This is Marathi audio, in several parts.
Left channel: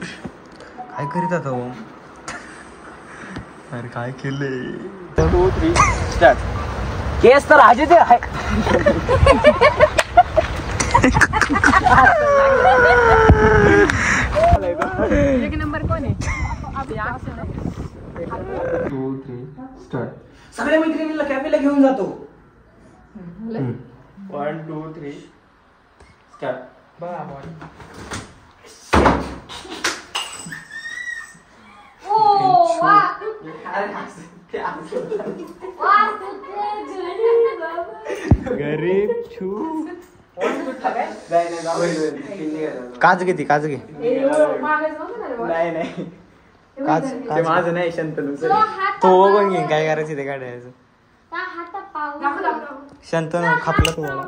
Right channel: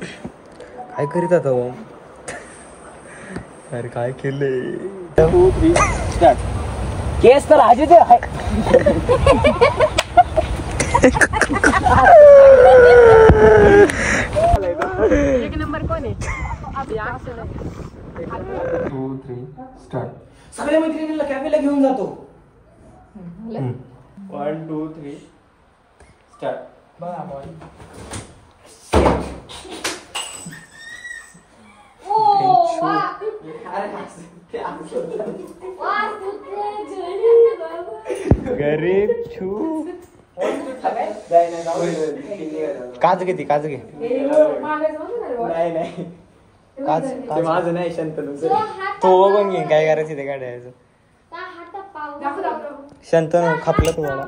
काय करीत आता हो? अरे काय केले? 2 3 स्टार्ट. केस तर आजीच आहे. 2 3 स्टार्ट. सगळ्या मैत्रिणींना कॅफेला घेऊन जातो. 1 2 3 स्टार्ट. गरीब छू. काच घे ती काच घे. नाही काच ते माझं नाही शंतनू. तो बघून घेईन काय करायचं ते काढायचं. शंतनू खापलं तुझ्याला.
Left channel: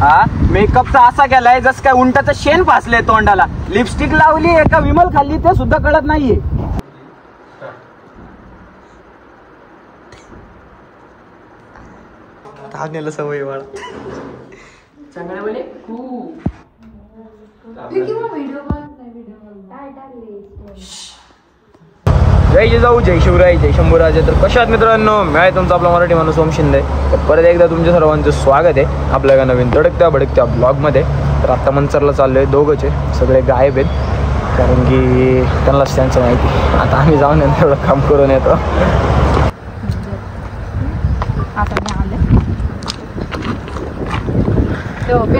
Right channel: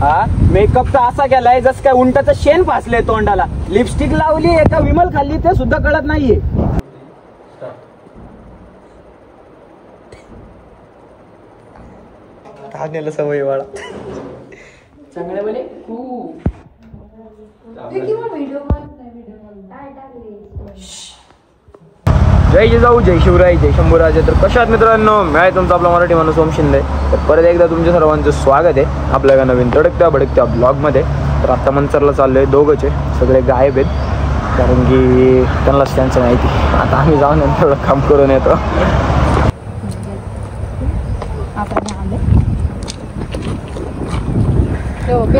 हा मेकअप तर असा केलाय जस काय उंटाचं शेण फासलंय तोंडाला. लिपस्टिक लावली एका विमल खाल्ली ते सुद्धा कळत नाहीये. नेलं सवय वाळा. चांगल्या वेळे जय जिजाऊ जय शिवराय जय शंभूराजे. तर कशात मित्रांनो मी आहे तुमचा आपला मराठी माणूस ओम शिंदे. तर परत एकदा तुमच्या सर्वांचं स्वागत आहे आपल्या एका नवीन तडकत्या भडकत्या ब्लॉग मध्ये. तर आता मंचरला चाललोय. दोघंच आहे सगळे गायब आहेत कारण की त्यांनाच त्यांचं माहिती. आता आम्ही जाऊन तेवढं काम करून येतो.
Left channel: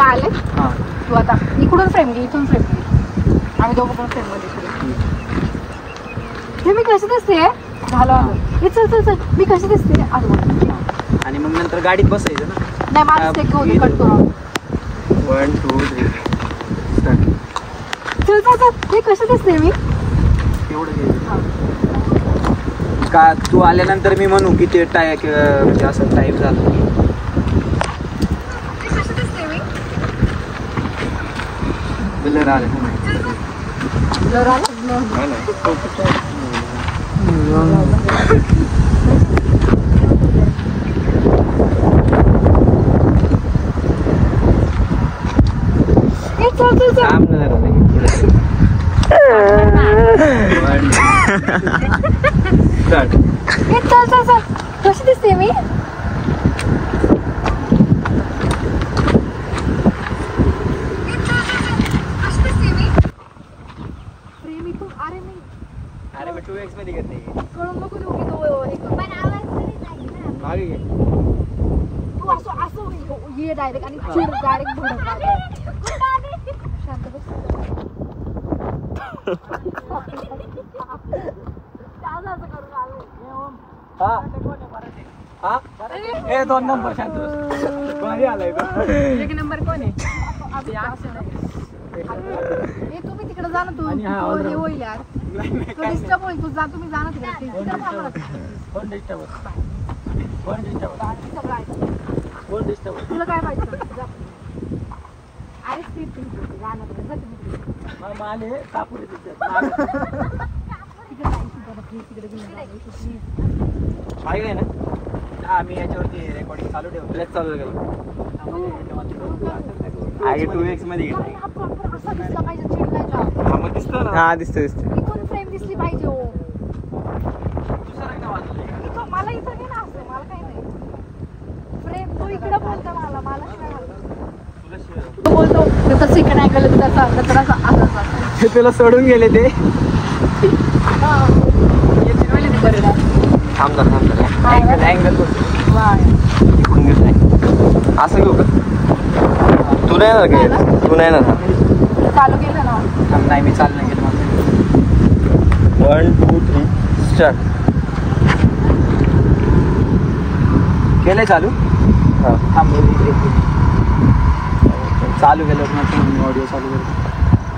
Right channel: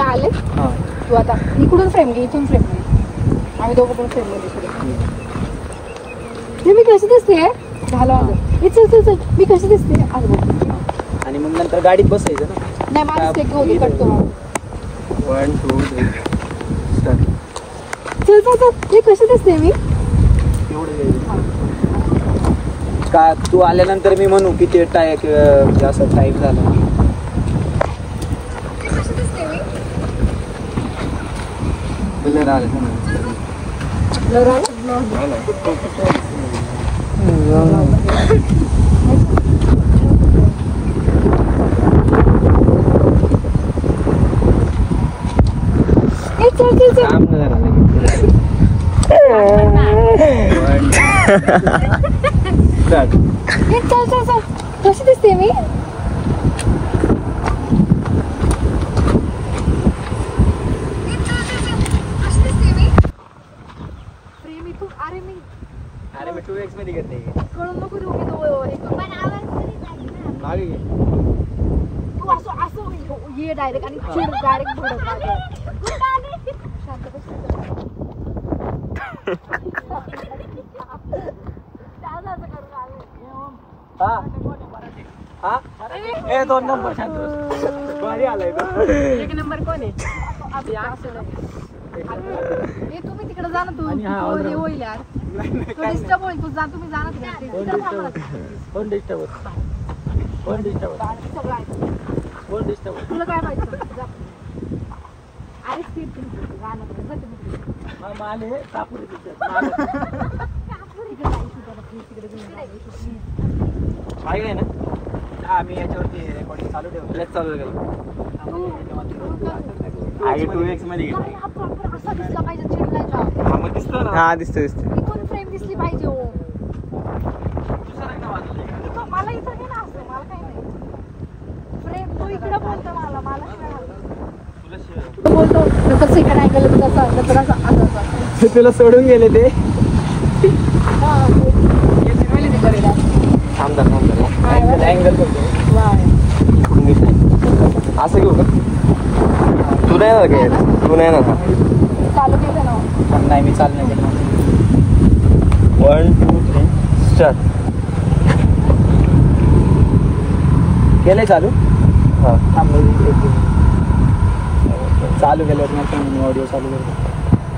आले तू आता इकडून फ्रेम घे इथून फ्रेम घे. आम्ही दोघं पण फ्रेम मध्ये. मी कशी दिसते? झालं आलं. चल चल चल मी कशी दिसते? आणि मग नंतर गाडीत बसायचं ना. नाही माझं ते घेऊन करतो. 1 2 3 स्टार्ट. चल चल चल मी कशी दिसते? मी एवढं घ्यायचं का? तू आल्यानंतर मी म्हणू किती टाय म्हणजे असं टाईप झालं. ब्लर आले कशी दिसते मी? दोन नंबर भारी आलाय. तुम्ही तिकडे जा ना. तू होईल यार. डिस्टर्ब होईल. तू जा तुम्ही जा ना. तुला काय पाहिजे? आहे ना. आम्ही याच्यावरती रेकॉर्डिंग चालू ठेवतो. लेच चालू केलं. असा दिसला पाहिजे. मग दिसतो ना. हा दिसतो दिसतो. इथून फ्रेम दिसली पाहिजे. मला इथं दे ना. असं मला काय नाही. फ्रेम तो इकडं बोलतो मला. बोलतो सेकंड अँगल तुला सोडून गेले ते. असं घेऊ का? तू नाही ना काय? तू नाही ना चालू केलं ना? नाही मी चालू नाही केलं. 1 2 3 स्टार्ट. केलंय चालू. हा चालू केल्यावर मी ऑडिओ चालू करतो.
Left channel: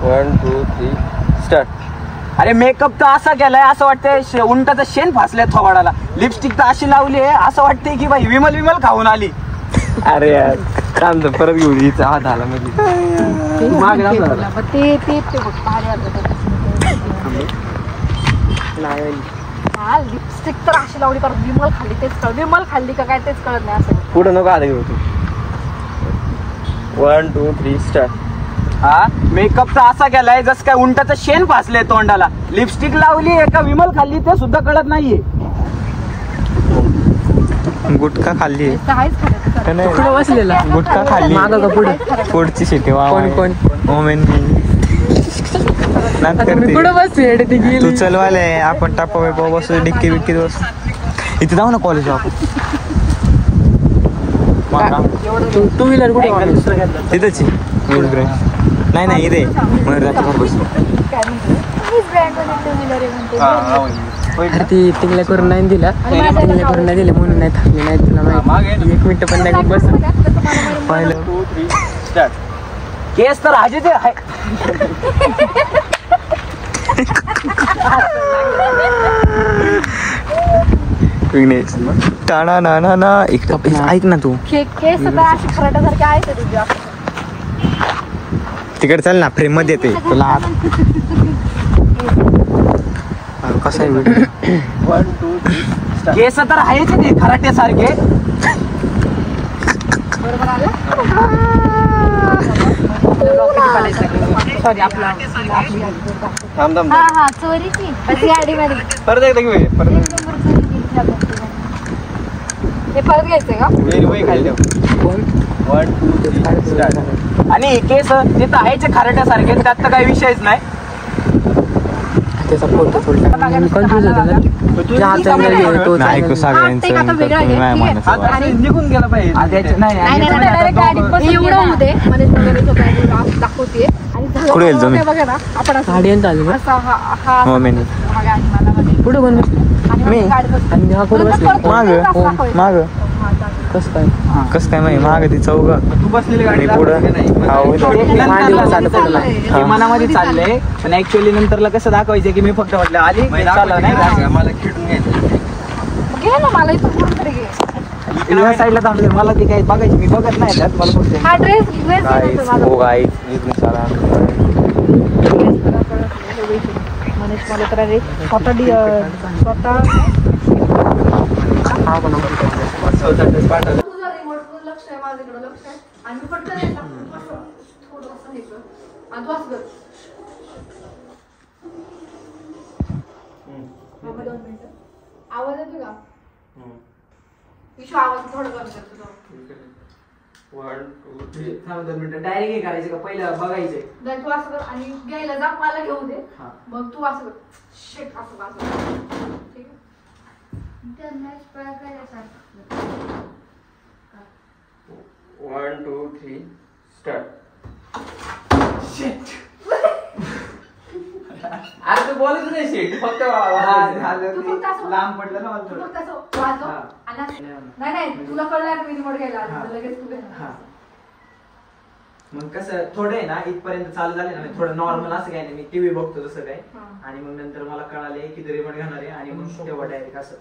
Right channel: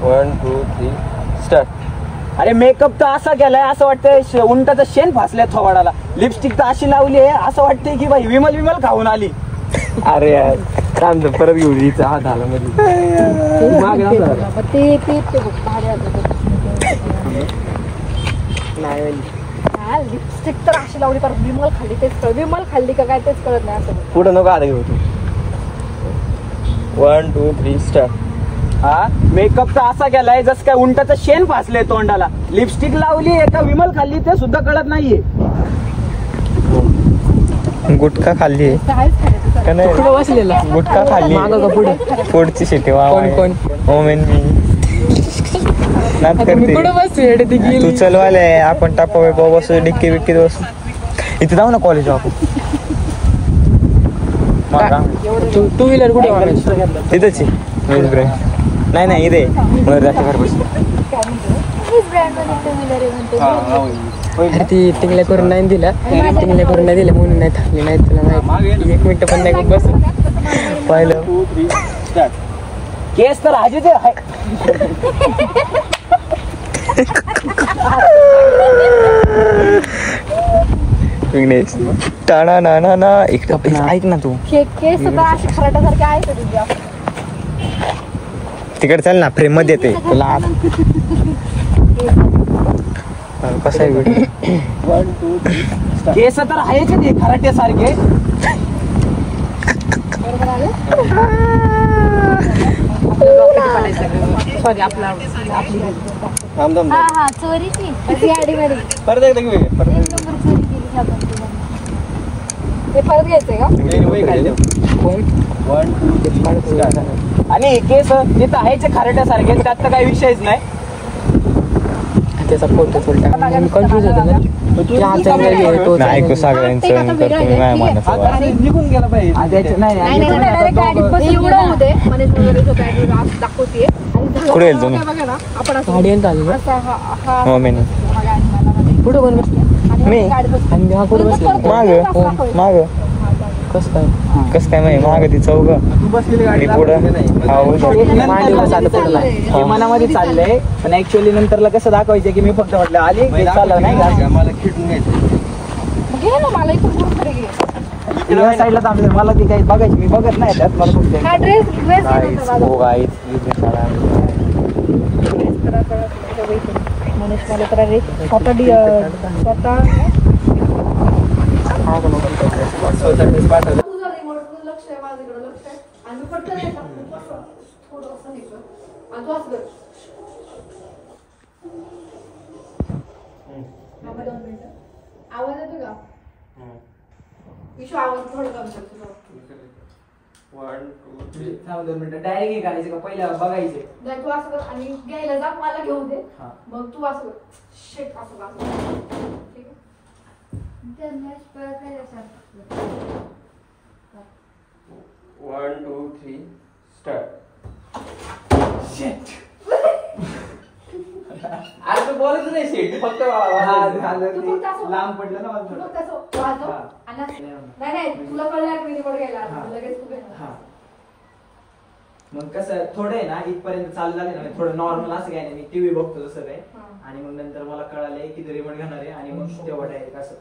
1 2 3 स्टार्ट. अरे मेकअप तर असा केलाय असं वाटतंय उंटाचं शेण फासलंय थोबाडाला. लिपस्टिक तर अशी लावली आहे असं वाटतंय की बाई विमल खाऊन आली. अरे यार थांब परत घेऊ. हिचा हात आला मध्ये. लिपस्टिक तर अशी लावली पर विमल खाल्ली तेच कळ. विमल खाल्ली का काय तेच कळत नाही. असं पुढे नको आता घेऊ तू. 1 2 3 स्टार्ट. हा मेकअप तर असा केलाय जस काय उंटाचं शेण फासले तोंडाला. लिपस्टिक लावली एका विमल खाल्ली ते सुद्धा कळत नाहीये. गुटखा खाल्ली गुटखा खाल्ली पुढची शेती करते तू चलवाले आपण टापा बस डिक्की बिक्की बस इथे जाऊ ना कॉलेज आपण टू व्हीलर कुठे तिथेच नाही इथे घर बस ती टिंगल्या करून नाही दिला टिंगल्या करून नाही दिलं म्हणून नाही थांबली नाही तुला माहिती 1 मिनिट पण नाही बस पाहिलं केस तर हाजेच आहे. टाणा ना ना ऐक ना तू तिकडे चल ना फ्रेम मध्ये येते तुला कसं आहे व्हिडिओ. केस तर आहेच ते खराटे सारखे. परत घ्यायचंय का आणि केस तिथं आहेच खराट्यासारखे त्यात तर काही विषयच नाही. त्याचा फोटो कन्फ्युज होतो ना ऐकू सगळ्यांचं नाही म्हणायचं निघून गेला पाहिजे. कुठे येईल तुम्ही कुठं कोण मी माग कस काय माहिती माग ती चौघ आणि पुढं मनामध्ये चाललंय पण ऍक्च्युअली नंतरला कसं दाखवायचं की मी फक्त म्हटलं आली चाललं नाही मला खेळून या साईडला थांबले. मला ती काही बघायची मी बघत नाही त्यात मला आवाज येतो का आवाज थोडं डायरेक्ट करायचं का पहिलं बघायचे तू असं आणि घ्यायला जा मला घेऊन दे मग तू असं शेक असं ठीक आहे 1 2 3 स्टार्ट. आता बोलत नाही शेट फक्त लांब पडलं ना नाही तुला कळलं मी रिमोट घ्यायला लगेच तू मग कसं थोडं आहे ना इथपर्यंत चालू झाले ना थोडं नॉर्मल असं काय नाही मी टीव्ही बघतो तसं काय आणि मग नंतर मला कळाले की रिमोट घेणार आहे आणि मग तेव्हा डायरेक्ट असं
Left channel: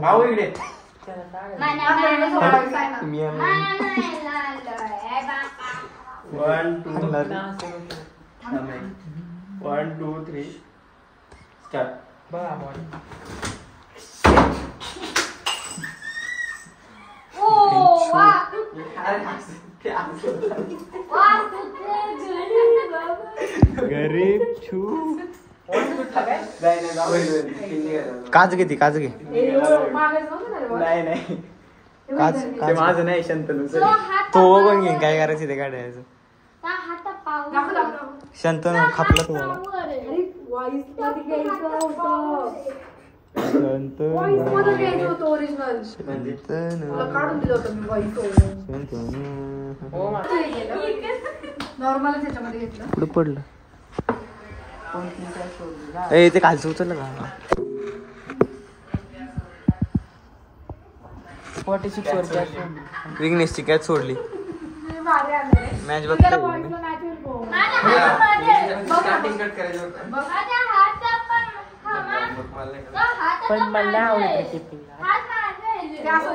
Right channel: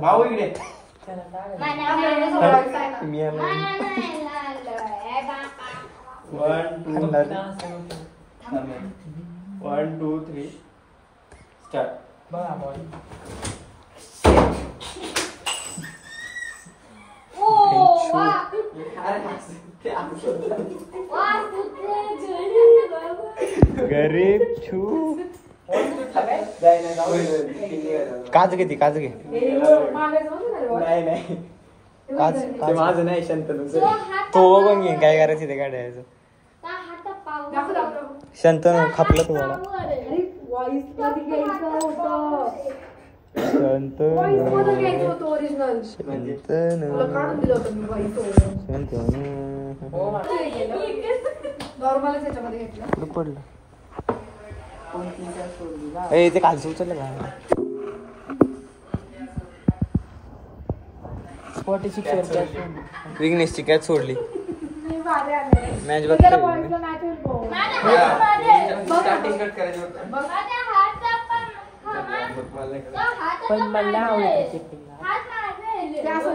भाऊ इकडे One, two, three, start. गरीब छू काच घे काच घे नाही काच माझं नाही शंतनू तो बघून घेईन काय करायचं ते काढायचं शंतनू खापलं तुझ्याला कुठं पडलं ते खालचं उचललं का 46 विघ्नेशची कॅच सोडली मॅच बघतोय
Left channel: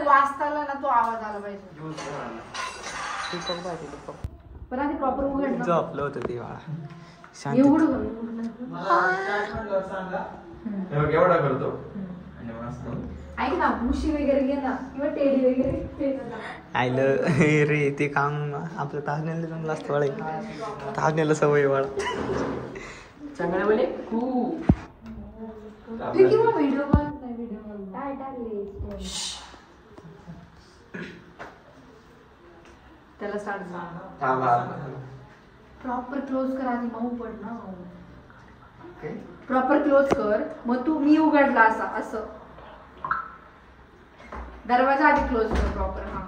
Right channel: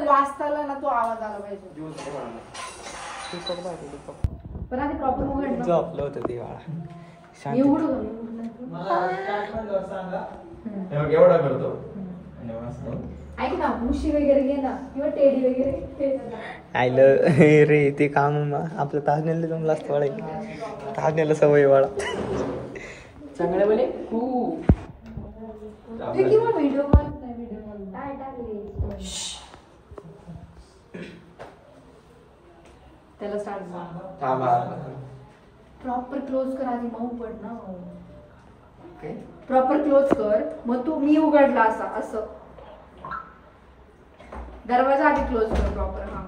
वाचताना तो आवाज आला पाहिजे पण आधी प्रॉपर उघड झोपलं होतं ते बाळा एवढा करतो ऐक ना मुशी वगैरे घे ना किंवा टेडी वगैरे आयलं रे ते काम आपलं ताजनेला जमलं असतं वाळे ताजनेला सवय वाळा चांगलं बोले खूप व्हिडिओ कॉल काय टाकले त्याला स्टार्ट प्रॉपर क्लोज कर आधी मऊ पड ना प्रॉपर क्लोज कर मग तू मी उघडला असा असं दरवाजा आधी क्लोज कर प्रॉपर हा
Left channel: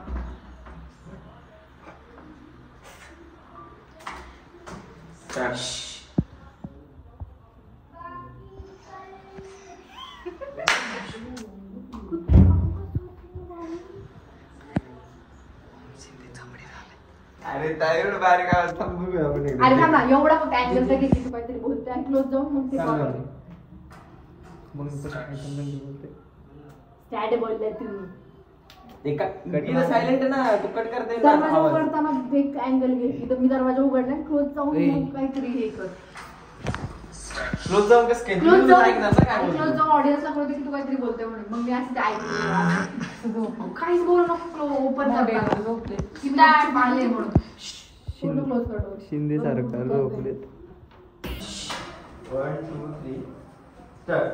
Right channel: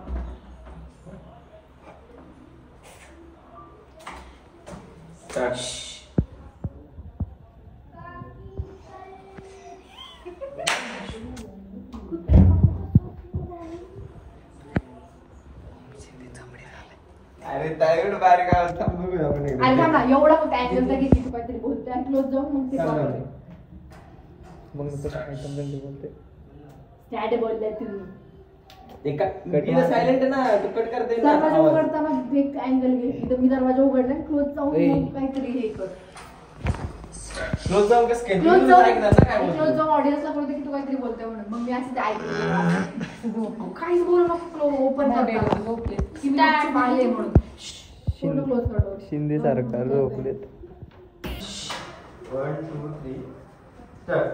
अरे टायर्ड बारीक आवाज थांब बघूया आपण एकदा. आणि थांब ना एवढं मग अँगल तर घेतली तू काहीतरी बोलते आणि क्लोज जाऊन मग ते चालेल. प्रॉपर मग कसं ऐकून बंद बोलते. स्टॅट बोलले तुम्ही सायलेंट आहे ना तू कट करता येईल ना दरवाजा आवाज. उघडताना एक अँगल घेतली तर मी दरवाजा उघडला क्लोज जाऊन ए. मग काहीतरी हे कर क्लोज जाऊन कसं काय? क्लोज तुम्ही जाऊन ऐकणार ना काय क्लोज बोलतो. जाऊन ऑडियन्सला कळते की तू काहीतरी बोलते म्हणून मग मी असं ते ऐकलं काहीच बोलू नको ओपन करता आले म्हणून क्लोज कर शिंदे सारखा झोपलेत One, two, three, start.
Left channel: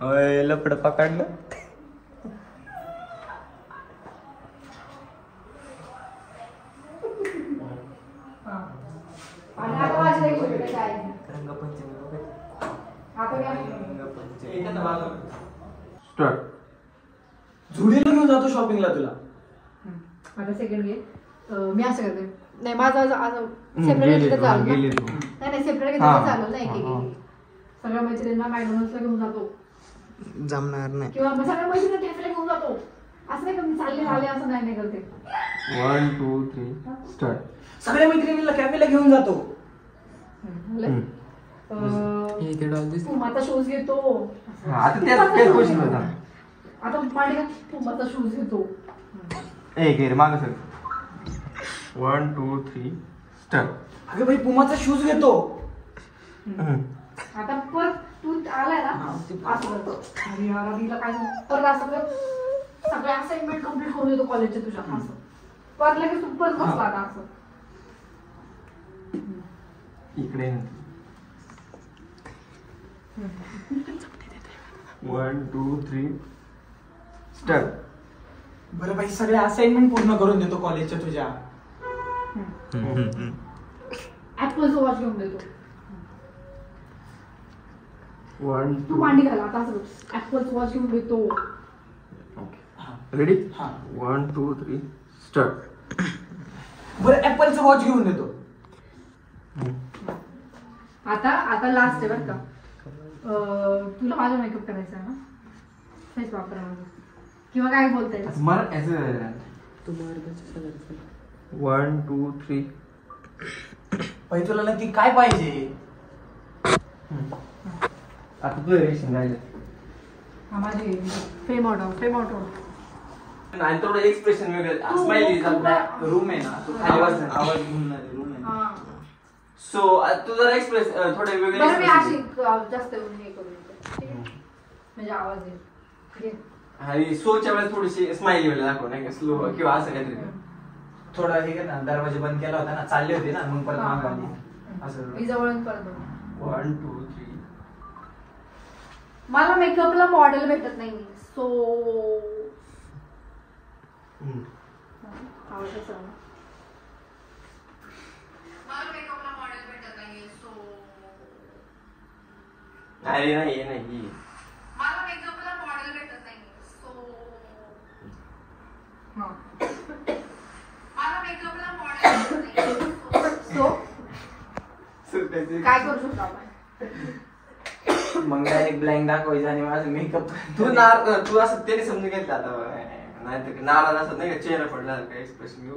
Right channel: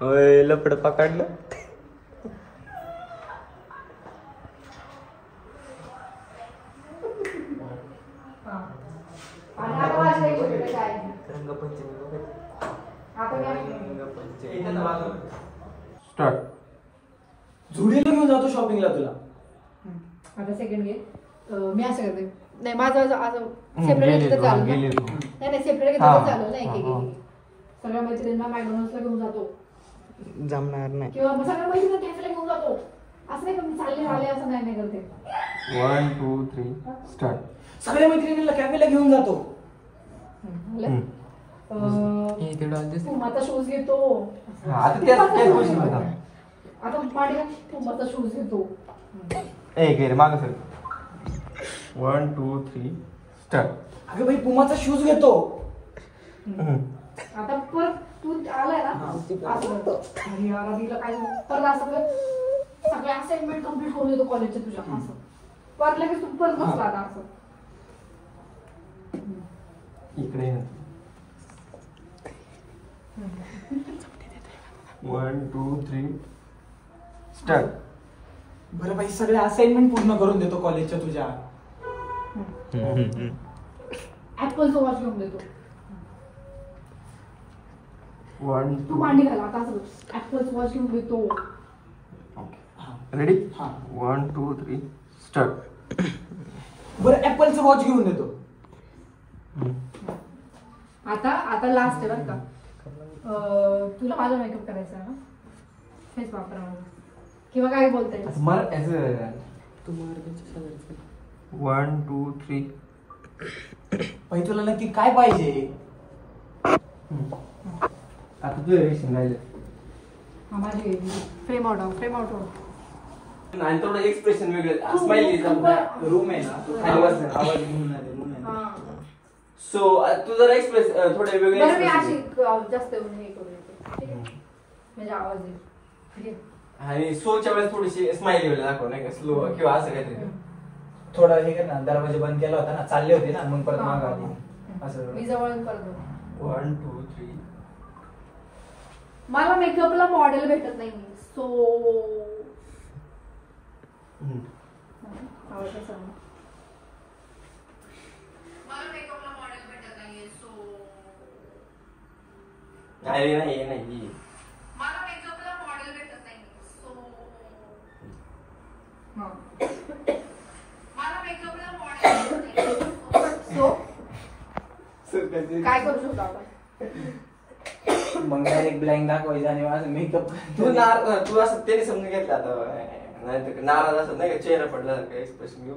होय लपड पकडलं स्टार्ट. झुडीला घेऊन जातो शॉपिंगला तुला. आता सेकंड घे मी असं करते नाही माझं असं सेपरेट घेतलं तर चालू ना नाही सेपरेट घेतलं तर चालू नाही सगळ्या मैत्रिणींना मॅकडॉनल्ड्सला घेऊन जातो जमणार नाही किंवा मग सगळ्या मैत्रिणींना टेन्सला घेऊन जातो असं नाही का मी चालले झाले असं नाही करते 1, 2, 3, स्टार्ट. सगळ्या मैत्रिणीला कॅफेला घेऊन जातो. माझा शूज घेतो आता त्याच गोष्टी होतात. आता पाणी माझा शूज घेतो एक घे रे मागं सर. 1, 2, 3, स्टार्ट. अगं भाई पुमाचा शूज घेतो. आता परत तू आलाय ना असं करतो आणि रवीला काय परत असं करत सगळे असाइनमेंट कम्प्लीट करून येतो कॉलेजच्या तुझ्या असं परत लगेच तू परत बसला आता असं इकडे 1, 2, 3, स्टार्ट. बरं भाई सगळे असाइनमेंट पूर्ण करून देतो कॉलेजच्या तुझ्या. ऍपलचं वॉच घेऊन देतो 1, तू मांडी घाला आता असं ऍपलचं वॉच घेऊन देतो रेडी. 1, 2, 3, स्टार्ट. बरं ऍपलचं वॉच घेऊन देतो. आता लास्ट आहे बरं का तुला माझा मेकअप करायचा ना हेच वापरा किंवा काय बोलताय मला ऍज 1, 2, 3. भाई तुला नक्की काय पाहिजे. आता तू रेशन राहिलं माझी फ्रेम ऑर्डर आणि थोडं एक्सप्रेशन वेगळं स्माइली रूम आहे ना तो खाली वाजता आवाज घेऊन रूम आहे सो तू जरा एक्सप्रेस थोडे वेगळे बरं मी अशी जास्त हे करू देते म्हणजे आवाज येईल आणि सोच्या वेळेस थोडीशी स्माइली वेगळं दाखव नाही का स्लो किंवा असं काहीतरी थोडा हे का ना दरवाजा बंद केला होता ना चालले होते ना मग परत मागे आली असं. मी जवळ येऊन परत 1, 2, 3. मला मेकअपला मॉडेल भेटत नाही सो नाही नाही नाही काय करू शकतो आपण मग डायरेक्ट ब्लँक दाखवायचं आणि माझं मेकअप तू असं त्याने समजून घेतलं आता नाही नाला असं नाही का चेहरा पडला एक्सप्रेशन घेऊ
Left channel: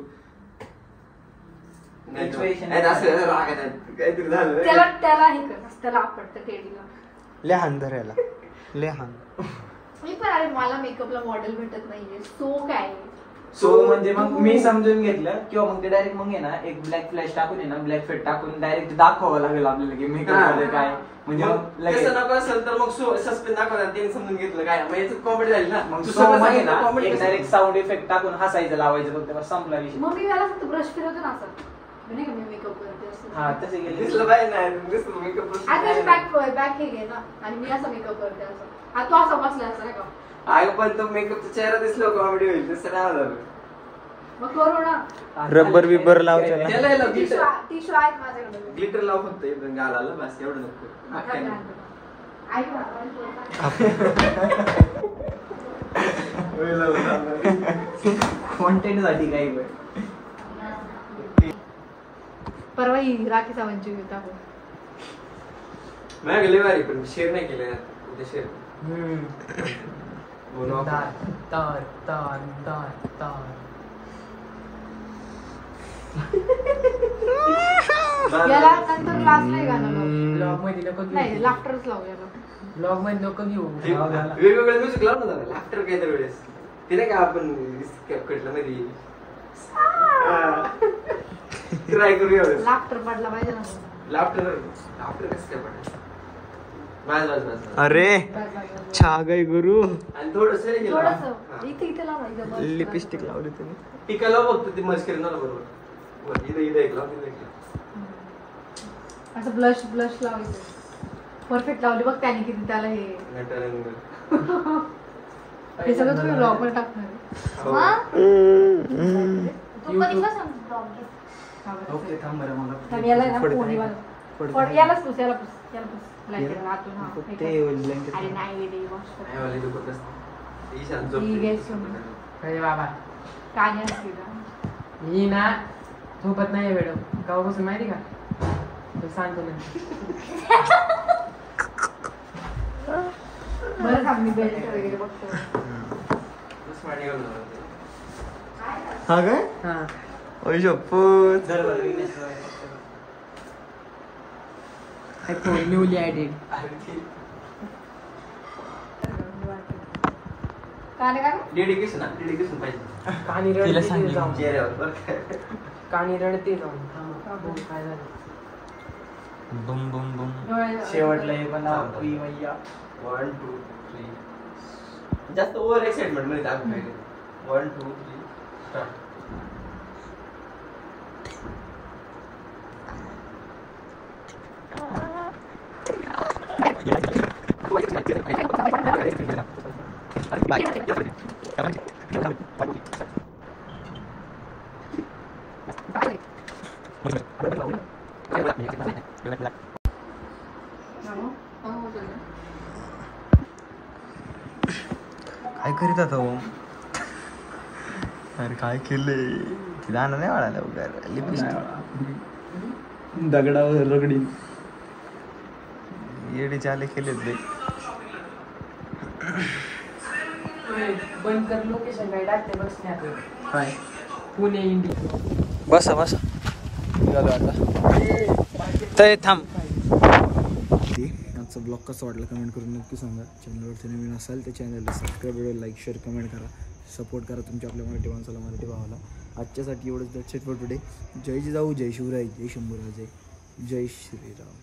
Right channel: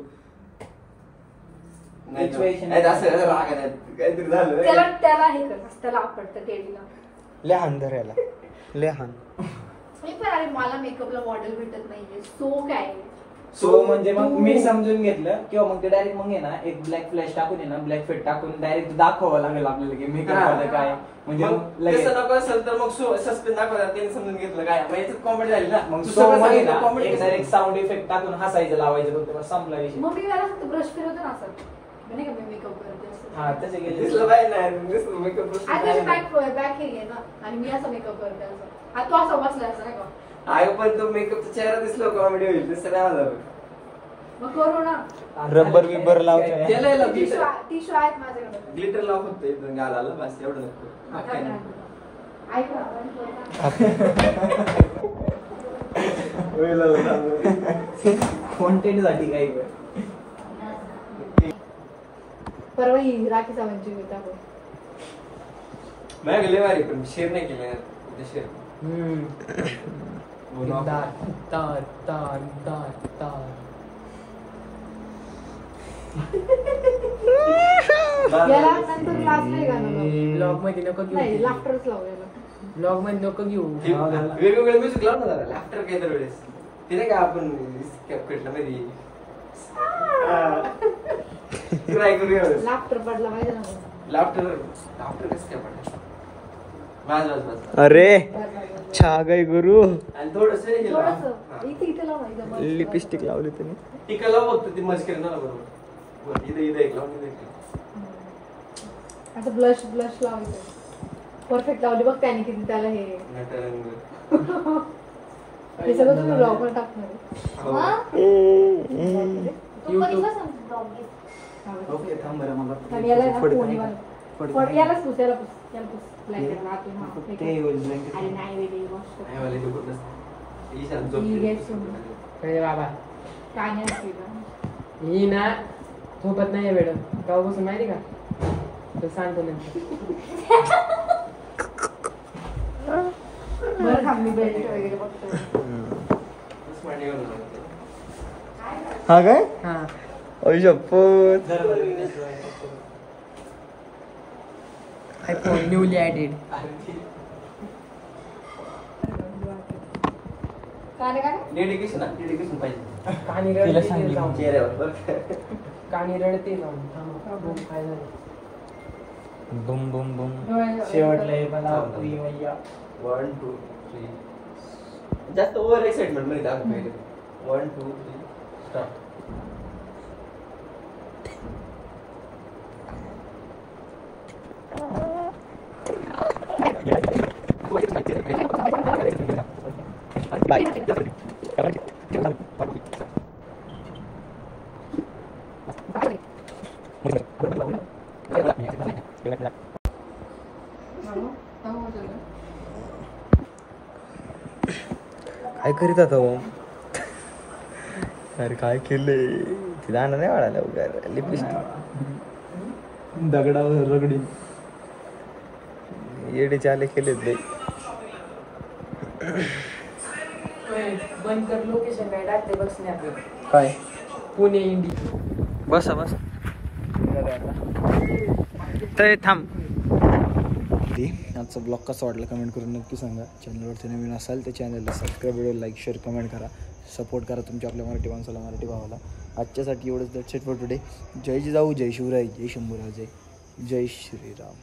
नाही असं रागायचं काहीतरी झालं त्याला हे कर त्याला आपटतं केळीला लहान धरायला लहान मी पण मला मेकअपला मॉडेल भेटत नाहीये सो काय सो म्हणजे मग मी समजून घेतलं किंवा मग ते डायरेक्ट मग आहे ना एक ब्लॅक फ्लॅश टाकून आहे ना ब्लॅक फेट टाकून डायरेक्ट दाखवावं लागेल आपल्याला की मेकअप मध्ये काय म्हणजे मग लगेच तसं नको असेल तर मग सस्पेन्स दाखवतात त्यांनी समजून घेतलं काय म्हणजे कॉमेडी झाली ना मग तू सो सगळं मध्ये सांगितलं ना comedy एक डायरेक्ट साऊंड इफेक्ट टाकून हसायचं लावायचं फक्त बस संपला विषय. मग मी मला फक्त ब्रश फिरवतो ना असं नाही का मी मेकअप करते असं. हा तसे गेले दिसलं पाहिजे नाही दिसलं मेकअप आता त्याची बॅक केली आहे ना आणि मी असं मेकअप करते असं. हा तू असं बसला असं नाही का आग पण तो मेकअपचा चेहरा दिसला कॉमेडी होईल तसं नाही झालं मग करू ना. रबर बिबर लावतो ना. त्याला याला टिश्यू आहेत माझ्याकडे. ग्लिटर लाव फक्त इथून गालाला बस एवढं नको अख्ख्या नाही. ऐक ना, कॉन्टेंट साठी काही वेळ परवा ही राखी सावंतची टाकू. नाही गेले भारी पण शेअर नाही केले उद्या शेअर तार तार तार तार तार याला नंतर लास्ट नाही घालणार. ब्लॉग मध्ये नको नाही घेऊ लाफ्टरच लावू याला. ब्लॉग मध्ये नको घेऊ वेगवेगळे म्युझिक लाव ना जरा लाफ्टर काही तर वेळेस ते नाही का आपण कटलं मध्ये ट्राय करूया लाफ्टर पडला पाहिजे ना. लाफ्टर लाफ्टर कसं काय पडलं वाज वाज वाज अरे छा गई गुरु. आणि थोडंसं थोडंसं इथे लाव ना एकदम. लिपस्टिक लावली तुम्ही. टिका लाव फक्त ती मस्करी करेन ना बरोबर इथे एक लाव तिथे एक लाव. असं ब्लश लावायचं. परफेक्ट लावली बघ त्याने किती त्याला हे हे सगळं तुम्ही ब्लॉग वर टाकणार आहे. ओके थांब बरं मला आणि याला ना पडतं कोणी नाही मला- का? यालाच पुस, याला पुस, याला पुस. Blanket आतून, हा. ते होईल blanket. अरे नाही वेगळी गोष्ट. नाही वाले तो कुठलं ईशान झोप ही घे सोडून. काय बाबा कान्याला केलं. मी ना झोपत नाही मॅडम काऊपासून माहिती का तो सांगतो नंतर. बरं थांब मी Blanket वगैरे बघतो. बस मांडी घालून लावते. हा काय हा अय शपथ. न्यूली ऍडेड काने काने? डेडिकेशन ना डेडिकेशन पाहिजे कानी तिला रडते सांगितलं. जाऊन चेहऱ्यावर बरं का? कानी रडते जाऊन काय झालं बुम बुम बुम. डोळे- शेवटला हे पण आपली मैया 1 2 3 जास्त ओव्हर एक्साइटमेंट मध्ये दाखवून काय 1 2 3 स्टार्ट. काय करीत आता भाऊ. अरे काय केलंय ती दांडा नाही वाढायला वगैरे लिपस्टिक दगडावर रगडी येडे चाले केलेत लय. बंद कर लोकेशन काय टाकते बसण्यात काय पुणे इंडी बसा बसा तर थांब. आजचा ब्लॉग कसा वाटला कमेंट करून नक्की सांगा. चॅनलवरती नवीन असाल तर चॅनलला subscribe video like share comment करा. सपोर्ट करा तुमच्या आपल्या मराठी माणसाला मराठी भावाला. आजच्यासाठी एवढंच. That's it for today. जय जिजाऊ जय शिवराय जय शंभूराजे जय श्रीराम.